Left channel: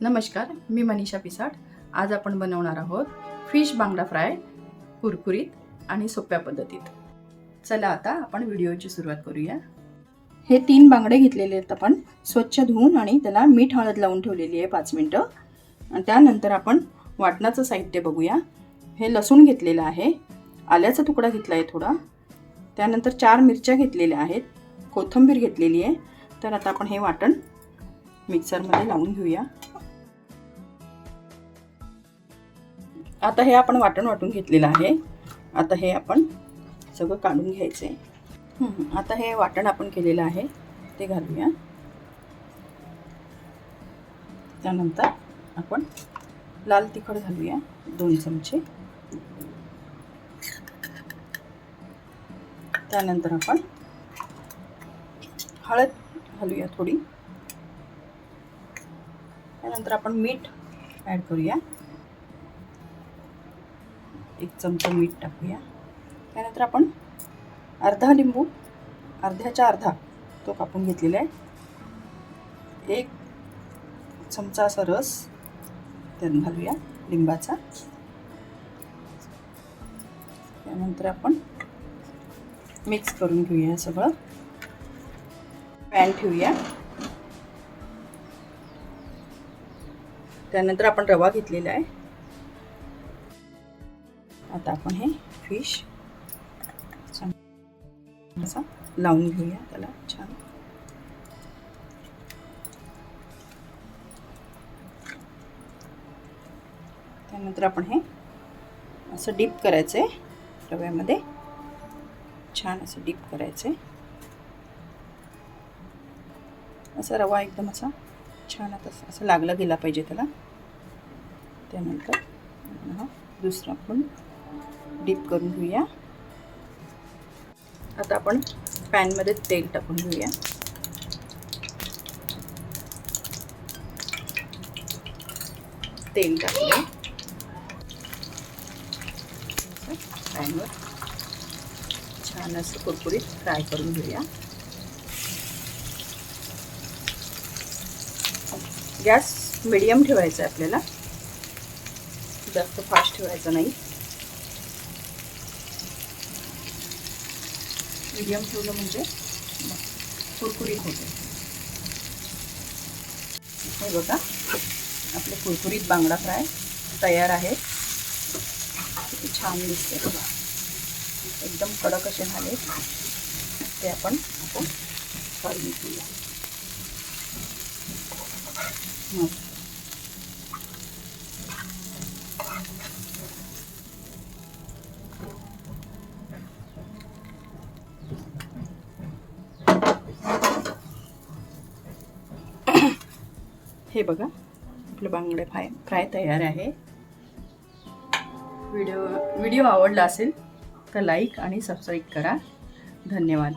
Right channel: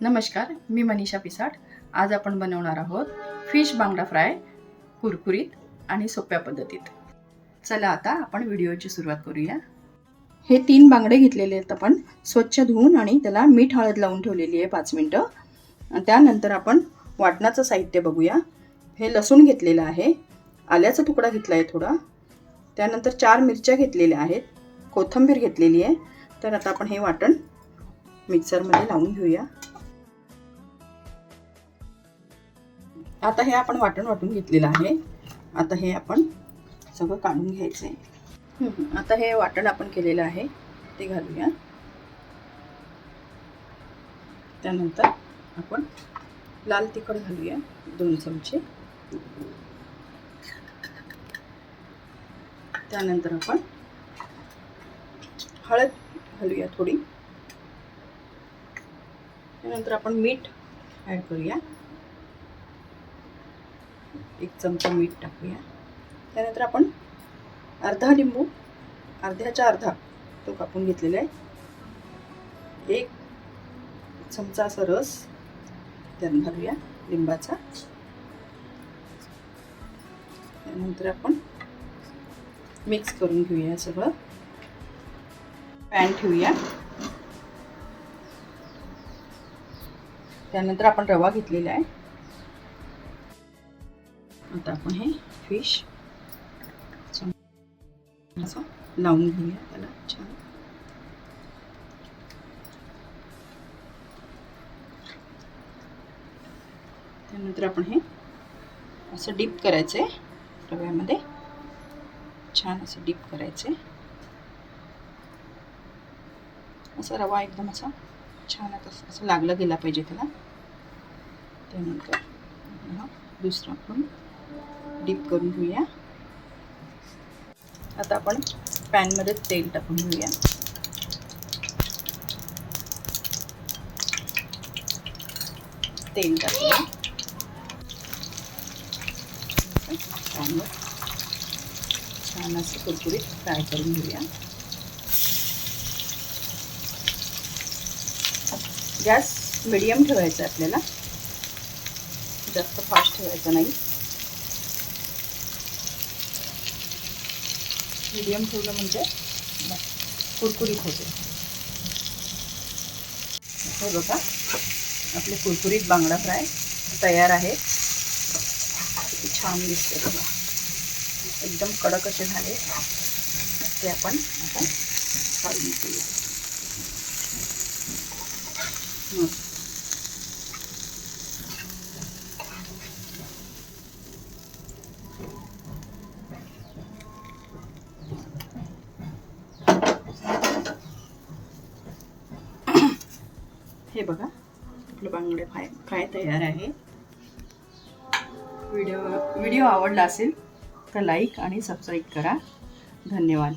नमस्कार, मी मनीषा पिसाट। आज आपण बनवणार आहोत फिश बांगडा फ्राय, कुरकुरीत आणि सोप्या पद्धतीत। चला आता आपण व्हिडिओची सुरुवात करूया। हे 3 बांगडे घेतलेले आहेत आपण स्वच्छ धुवून आणि त्याला मीठ हळद लावून ठेवलेली आहे 5 मिनिटं। आणि त्यानंतर आपण वाटणाचं साहित्य बघूया। हे लसूण घेतलेलं आहे, आल्याचा तुकडा घेतला आहे थोडा, त्यानंतर 4 मिरच्या घेतलेल्या आहेत, कोथिंबीर घेतलेली आहे। तर आता आपण हे वाटण मिक्सरमध्ये लावून घेऊया। आता हे आपण वाटून घेतलेलं आहे। आता हे आपण सगळं काढून घ्यायचं आहे। आता हे वाटण आपण केलेलं आहे ते घालूया। त्यानंतर आपण लाल तिखट घालूया 2 चमचे। त्यानंतर आपण हळद घालूया थोडी। त्यानंतर आपण मीठ ॲड करूया, 1 चमचा मीठ टाकूया। त्यानंतर आपण अर्धा लिंबू, अर्ध्याच्या अर्धा तो कापून घेतलेला आहे, 1 चमचा असा रस त्यात घालूया लिंबाचा। त्यानंतर आपण मिक्स करून घेऊया सगळं। पॅन ठेवूया। त्यानंतर आपण रवा घेतलेला आहे। आता आपण हे फिश असा लावून घेऊया त्याला छान। त्यानंतर आपण हे असं डीप करायचं आहे रव्यामध्ये, छान असं डीप करायचं आहे। असा रवा एकदम असा छान असं लागला गेला पाहिजे त्याला। त्यानंतर हा दुसरा आपण डीप करून घेऊया। आता आपण पॅनमध्ये तेल टाकून घेऊया। तेल टाकूया पॅनवर, छान असं कुरकुरीत फ्राय करून घेऊया। गॅस मीडियम ठेवायचा आहे आपल्याला, जास्त फास्ट ठेवायचा नाही। मीडियम ठेवलं म्हणजे कुरकुरीत होते। हे बघा आपले कुरकुरीत बांगडा फ्राय तयार आहे। किती छान दिसते बघा, एकदम कडक असे झाले। ते आपण आता काढून घेऊया। हे बघा आपले बांगडे फ्राय तयार आहे। व्हिडिओ आवडला असेल तर लाईक आणि सबस्क्राईब करा। धन्यवाद।